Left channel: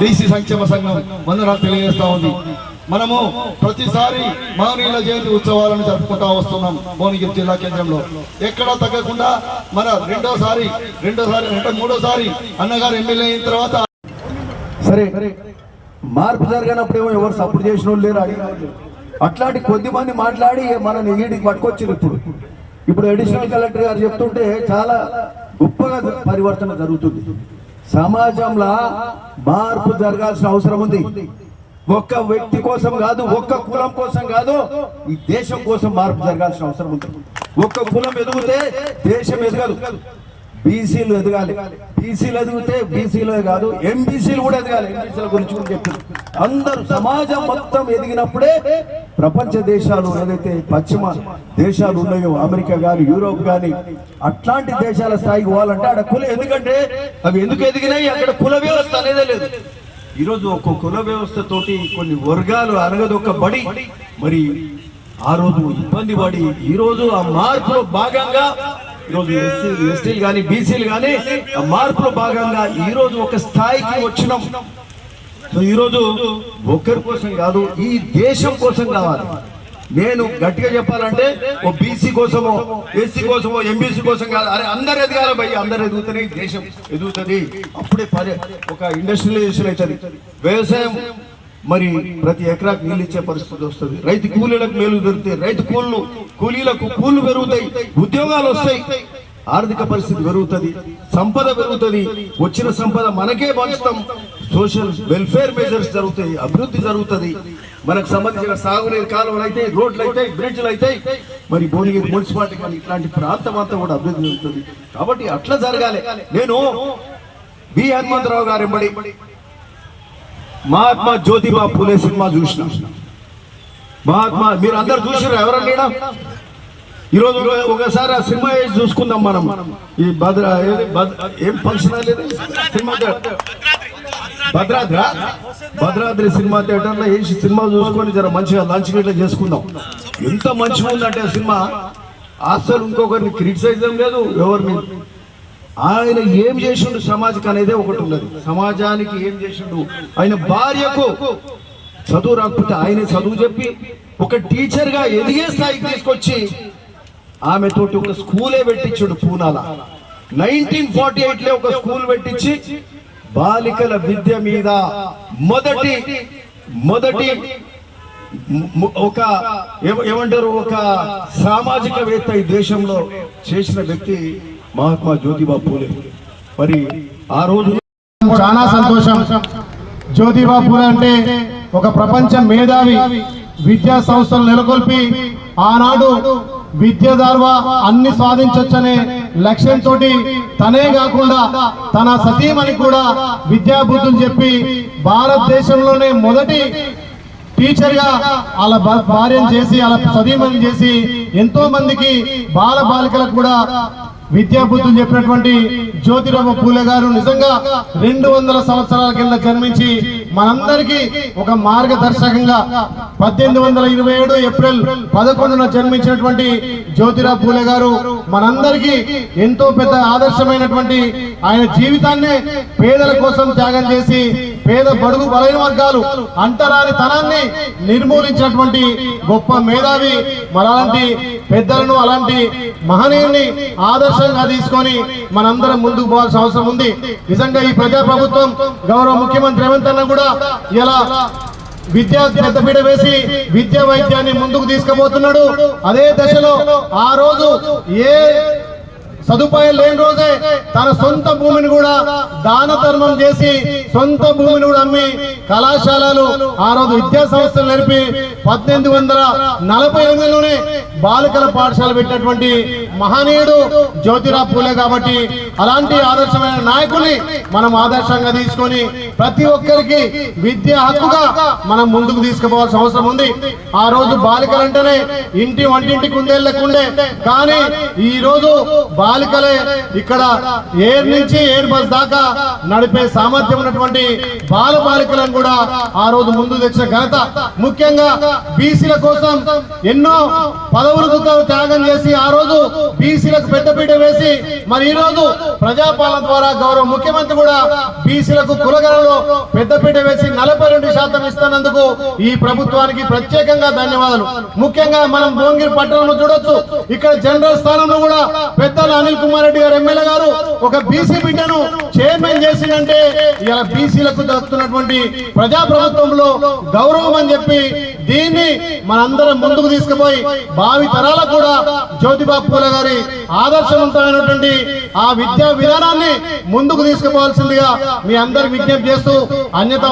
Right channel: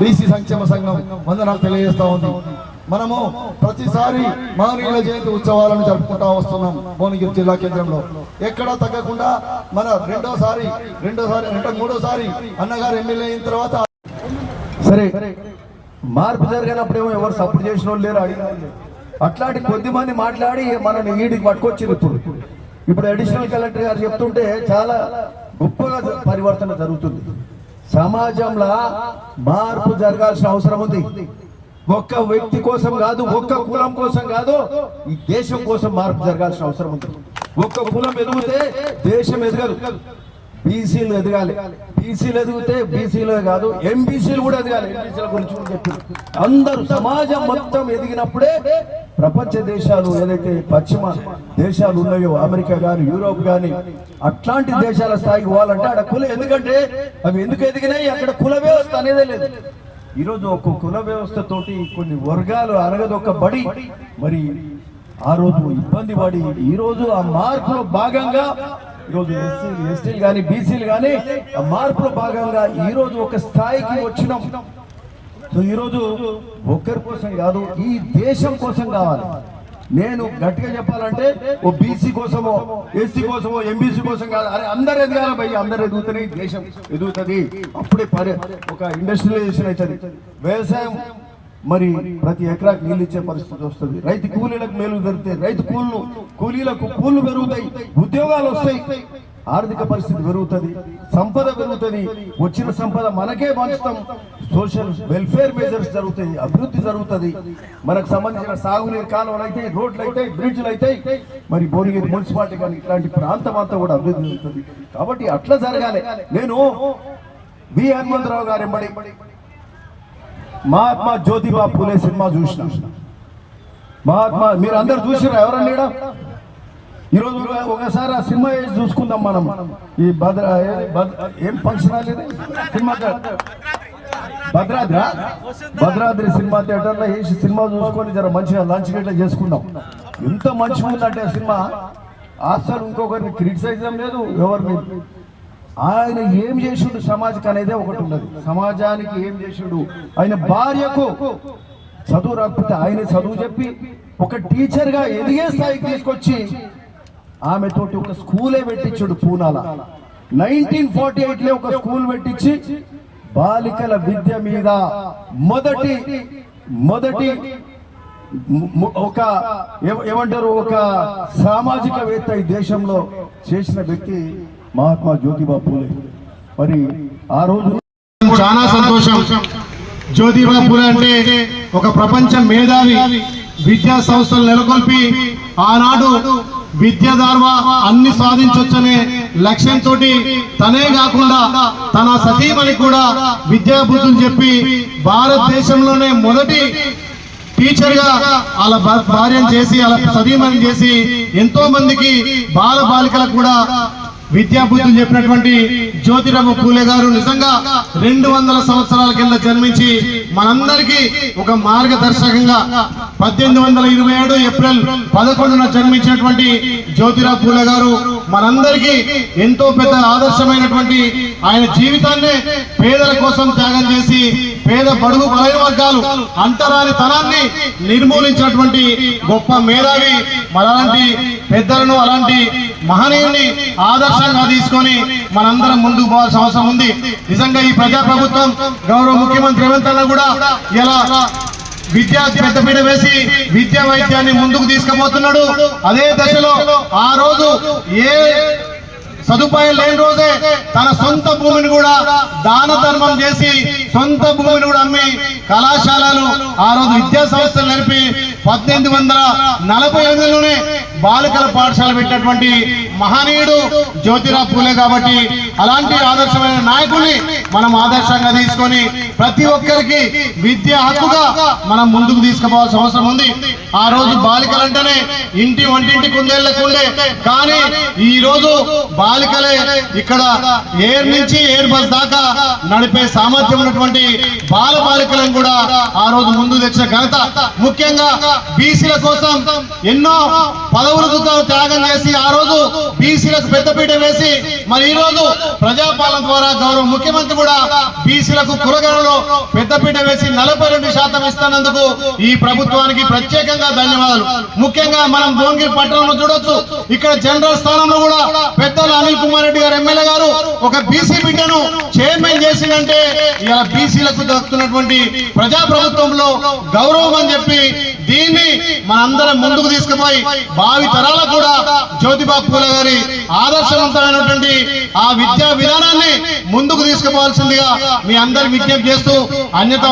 BC సంక్షేమ సంఘం వందనాలు తెలియజేస్తా ఉంది. మనము ప్రతిసారి మహనీయుల జయంతి ఉత్సవాలను జరుపుకుంటా వస్తున్నాం. భువనగిరి జిల్లా కేంద్రంలో ఎక్కడా తగ్గకుండా మన రెండోసారి అంటే మూడోసారి అన్నగారు ఎమ్మెల్యే అయిన తర్వాత సరే మార్పు జరిగినప్పుడేమో ఎవరు సపోర్ట్ చేసిన వాళ్ళు లేరు, అడిగిన వాళ్ళు. అట్లాంటి కొద్దిమంది మాట్లాడి మనల్ని ఈడికి పట్టుకొచ్చింది. ఇప్పుడు అడిషనల్ కలెక్టర్ గారు చెప్తుంటే చాలా గొప్పగా పరివర్తన జరుగుతుంది. సమాజంలో మార్పు జరగాల్సిన అవసరం ఉంది. ఒక్క వ్యక్తి కోసం కాదు, ఒక్క కులం కోసం కాదు, ఈ దేశం కోసం మార్పు జరగాల్సిన అవసరం ఉంది. ఒక్క కులం ఎదిగితే దేశం ఎదగదు. బీసీలు ఎదగాలి. బీసీలు ఎదిగితే బీసీలు కాదు, ఎంబీసీలు కూడా ఎదగాలి. ఎంబీసీల గురించి కూడా చెప్తుంది. అందరూ సమాజం మొత్తం ఎదిగినప్పుడే ప్రపంచ దేశాలు ఏదైతే పశ్చిమ దేశాలు ఉన్నాయో, అమెరికా కానీ యూరోప్ కానీ, అట్లాంటి దేశాల స్థాయికి పోవాలంటే అక్కడ ఎందుకంటే అవి ఎందుకు ఎదిగినాయి, అక్కడ కుల వ్యవస్థ అనేదే లేదు. ఈరోజు ఒక కుల వ్యవస్థతోటి కొన్ని వర్గాలు అనగదొక్కబడి మరి ఆ రోజు ఇబ్బంది పడి ఈరోజు ఆ మార్పులో భాగంగా ఈరోజు ఎస్టీలు కానీ బీసీలు కానీ ఆ మార్పులో భాగంగా ఈరోజు ఒక స్థాయికి వచ్చినాం. సో ఈరోజు ఒక్కరి కోసం కాదు, ఈ దేశం కోసం కావాలి. నేను గట్టిగా చెప్పాలంటే ఓ బీసీ కోసమో ఎస్సీ కోసమో ఎంబీసీ కోసం కాదు, అరే అందరు ఎదగాలి భయ్య, అందరు ఎదుగుతుంది, దేశం ఎదుగుతుంది. అప్పుడే ఒక ఇండస్ట్రియలైజేషన్ అవుతుంది. వ్యవసాయం మరి ప్రతి ఎకరాకు నీళ్ళు ఇచ్చే పరిస్థితి వస్తుంది. రైతు కూలీలకు మేలు జరుగుతాయి, రైతు కూలీలకు కూలీలు పెరుగుతాయి, ఉద్యోగాలు వస్తాయి, ఆర్థిక పరిస్థితి పెరుగుతుంది, సంపద పెరుగుతుంది. వచ్చిన సంపద మనకే పంచుతాం. సోషల్ వెల్ఫేర్ మెజర్స్ జరుగుతాయి, అభివృద్ధి జరుగుతుంది. మనకు సంబంధించిన సాగునీరు కాలువలు అయితే, రోడ్లు అయితే, బ్రిడ్జ్లు అయితే, మరి భువనగిరి మున్సిపాలిటీ కానీ ఇట్లాంటి ప్రాంతం అంతా కూడా అభివృద్ధి జరుగుతుంది. కాబట్టి అట్లా జరగాలి. నేను బి హనుమంతరావు గారు ఎంబడి మహాత్మా జ్యోతిబా పూలే సినిమా చూసిన. మహాత్మా మీరు అందరు చూసిరా? ఎవరన్నా ఈరోజు ఒకసారి ఆ సినిమా వేసి చూసుకుందాం మనం. ఈ ఏం ఫంక్షన్ అనేది సినిమా భద్రాద్రి సినిమా థియేటర్లో వేసి సినిమా చూసుకొని జర మంచిగా లంచ్ గిట్లా చేసుకుందాం. ఎంత మంచిగా ఉందంటే ఆ సినిమా, అసలు ఇంకొకరిని క్రిటిసైజం లేదు, ఎవరిని. ఆయన ఏం చేసిండు సమాజానికి అనేది ఒకటి ఉన్నది. సమాజానికి ఏం చేసిండు, ఆయన భార్యకు చదువు రాకపోతే ఆయన చదువు చెప్పి ఒక టీచర్ గా ఎదిగే స్థాయికి తీసుకొచ్చి ఆమెతోటి ఒక స్కూలే పెట్టించాడు పూనాల. 1948లో ఒక స్కూల్ పెట్టించి బాలికల విద్య మీద మొదటి ఒక ఏమంటారు ఒక సామాజికవేత్త ఈ దేశంలో చేసిన వ్యక్తి మహాత్మా జ్యోతిబా పూలే. మరి ఆ రోజు చాలా సంతోషం. జ్యోతిబా పూలే అంటే ఒక ప్రపంచ మేధావి, విద్యా సంస్థలు నెలకొల్పి ఆనాడు విద్య ద్వారా అన్ని సాధించొచ్చనే లక్ష్యంతో తనే కాకుండా తన సతీమణి కూడా విద్యా బుద్ధులు చెప్పి భారతదేశంలోనే మొదటి టీచర్ గా వాళ్ళ భార్యను చేసి వాళ్ళ సతీమణి చేసి ఎంతో మందికి బాల బాలికలకు కూడా విద్యా బుద్ధులు చెప్పినటువంటి జ్యోతిరావు పూలే గారు నిజంగా 200 సంవత్సరాల కింద జన్మించి మనందరికీ ఒక మార్గదర్శకంగా 1827 ఏప్రిల్ 11న జన్మించినటువంటి జ్యోతిరావు పూలే గారు మనందరికీ ఎంతో పెద్ద ఆదర్శమైనటువంటి ఆయన జీవితాన్నే పేదల కోసం త్యాగం చేసి పేద బడుగు బలైన వర్గాలు అంటరాని తనాన్ని నిర్మూలించినటువంటి గొప్ప మేధావి. అలాంటి పెద్దలను అలాంటి మహనీయుల్ని ఆదర్శంగా తీసుకొని మనందరం ముందుకు పోవాల్సిన అవసరం ఉంది. నిజంగా ఈ ప్రజాప్రభుత్వం గౌరవ ముఖ్యమంత్రి రేవంత్ అన్న కూడా ఇలా విద్యా పెద్దపీట వేసి విద్యా వైద్యాన్ని ముందుకు తీసుకుపోతున్నాడు. అదే దశలో ఆ రోజు ఏ సదుపాయం లేని రోజే తన సొంత భూమిని కూడా దాన ధర్మం చేసి సొంత భూమిని కూడా అమ్మి కళాశాలలు ఆ రోజు విద్యా సంస్థలు నడిపి 1848లోనే బాలికల పాఠశాల పెట్టినటువంటి మహనీయుడు జ్యోతిరావు పూలే. కాబట్టి అలాంటి ఆదర్శమైన నాయకుల్ని మనం ఆదర్శంగా తీసుకొని ప్రతి ఒక్కరికి విద్య హక్కుగా మనం ముందుకు తీసుకుపోవాల్సిన అవసరం ఉంది. ఆ రోజు బాలికలంటేనే ఇంటి వంటింటి కుందేళ్లకుండే, కానీ ఈ రోజు బాలికలే ఇక్కడ ఎయిర్ నుంచి ఎయిర్ బస్ దాకా నడిపే సామర్థ్యం ఉన్నటువంటి బాల బాలికలను కూడా ఆ రోజు ముందు తెచ్చిన ఘనత. ముఖ్యంగా బీసీల కోసం ఎన్నో పదవులకు త్యాగం చేసి ఆ రోజు బీసీలకు పెద్దపీట వేసి మరి ఈ రోజు ప్రజాపాలన ద్వారా గౌరవ ముఖ్యమంత్రి కూడా బీసీలకు కులగణలో పెద్దపీట వేసి 42% ఇస్తున్నందుకు ఈ ప్రభుత్వానికి ప్రత్యేకంగా ధన్యవాదాలు. ముఖ్యంగా మనం భువనగిరి పట్టణంలో చూడొచ్చు, ఇక్కడ జనరల్ స్థానంలో కూడా పెద్దలు అనిల్ కుమార్ రెడ్డి గారు ఎమ్మెల్యే గారు ఒక బీసీ బిడ్డను చైర్మన్ చేసిందంటే ఇలా బీసీలకు దక్కుతున్నటువంటి ప్రజాప్రభుత్వంలో గౌరవం అని చెప్పి దీన్ని మనందరం ముందుకు తీసుకుపోయి భావి తరాలకు కూడా జ్యోతిబాబు పూలే గారి ఆదర్శవంతమైనటువంటి ఆ విద్యా విధానాన్ని ముందుకు తీసుకుపోవాల్సిందిగా మీ అందరికి విజ్ఞప్తి చేస్తూ అన్యతా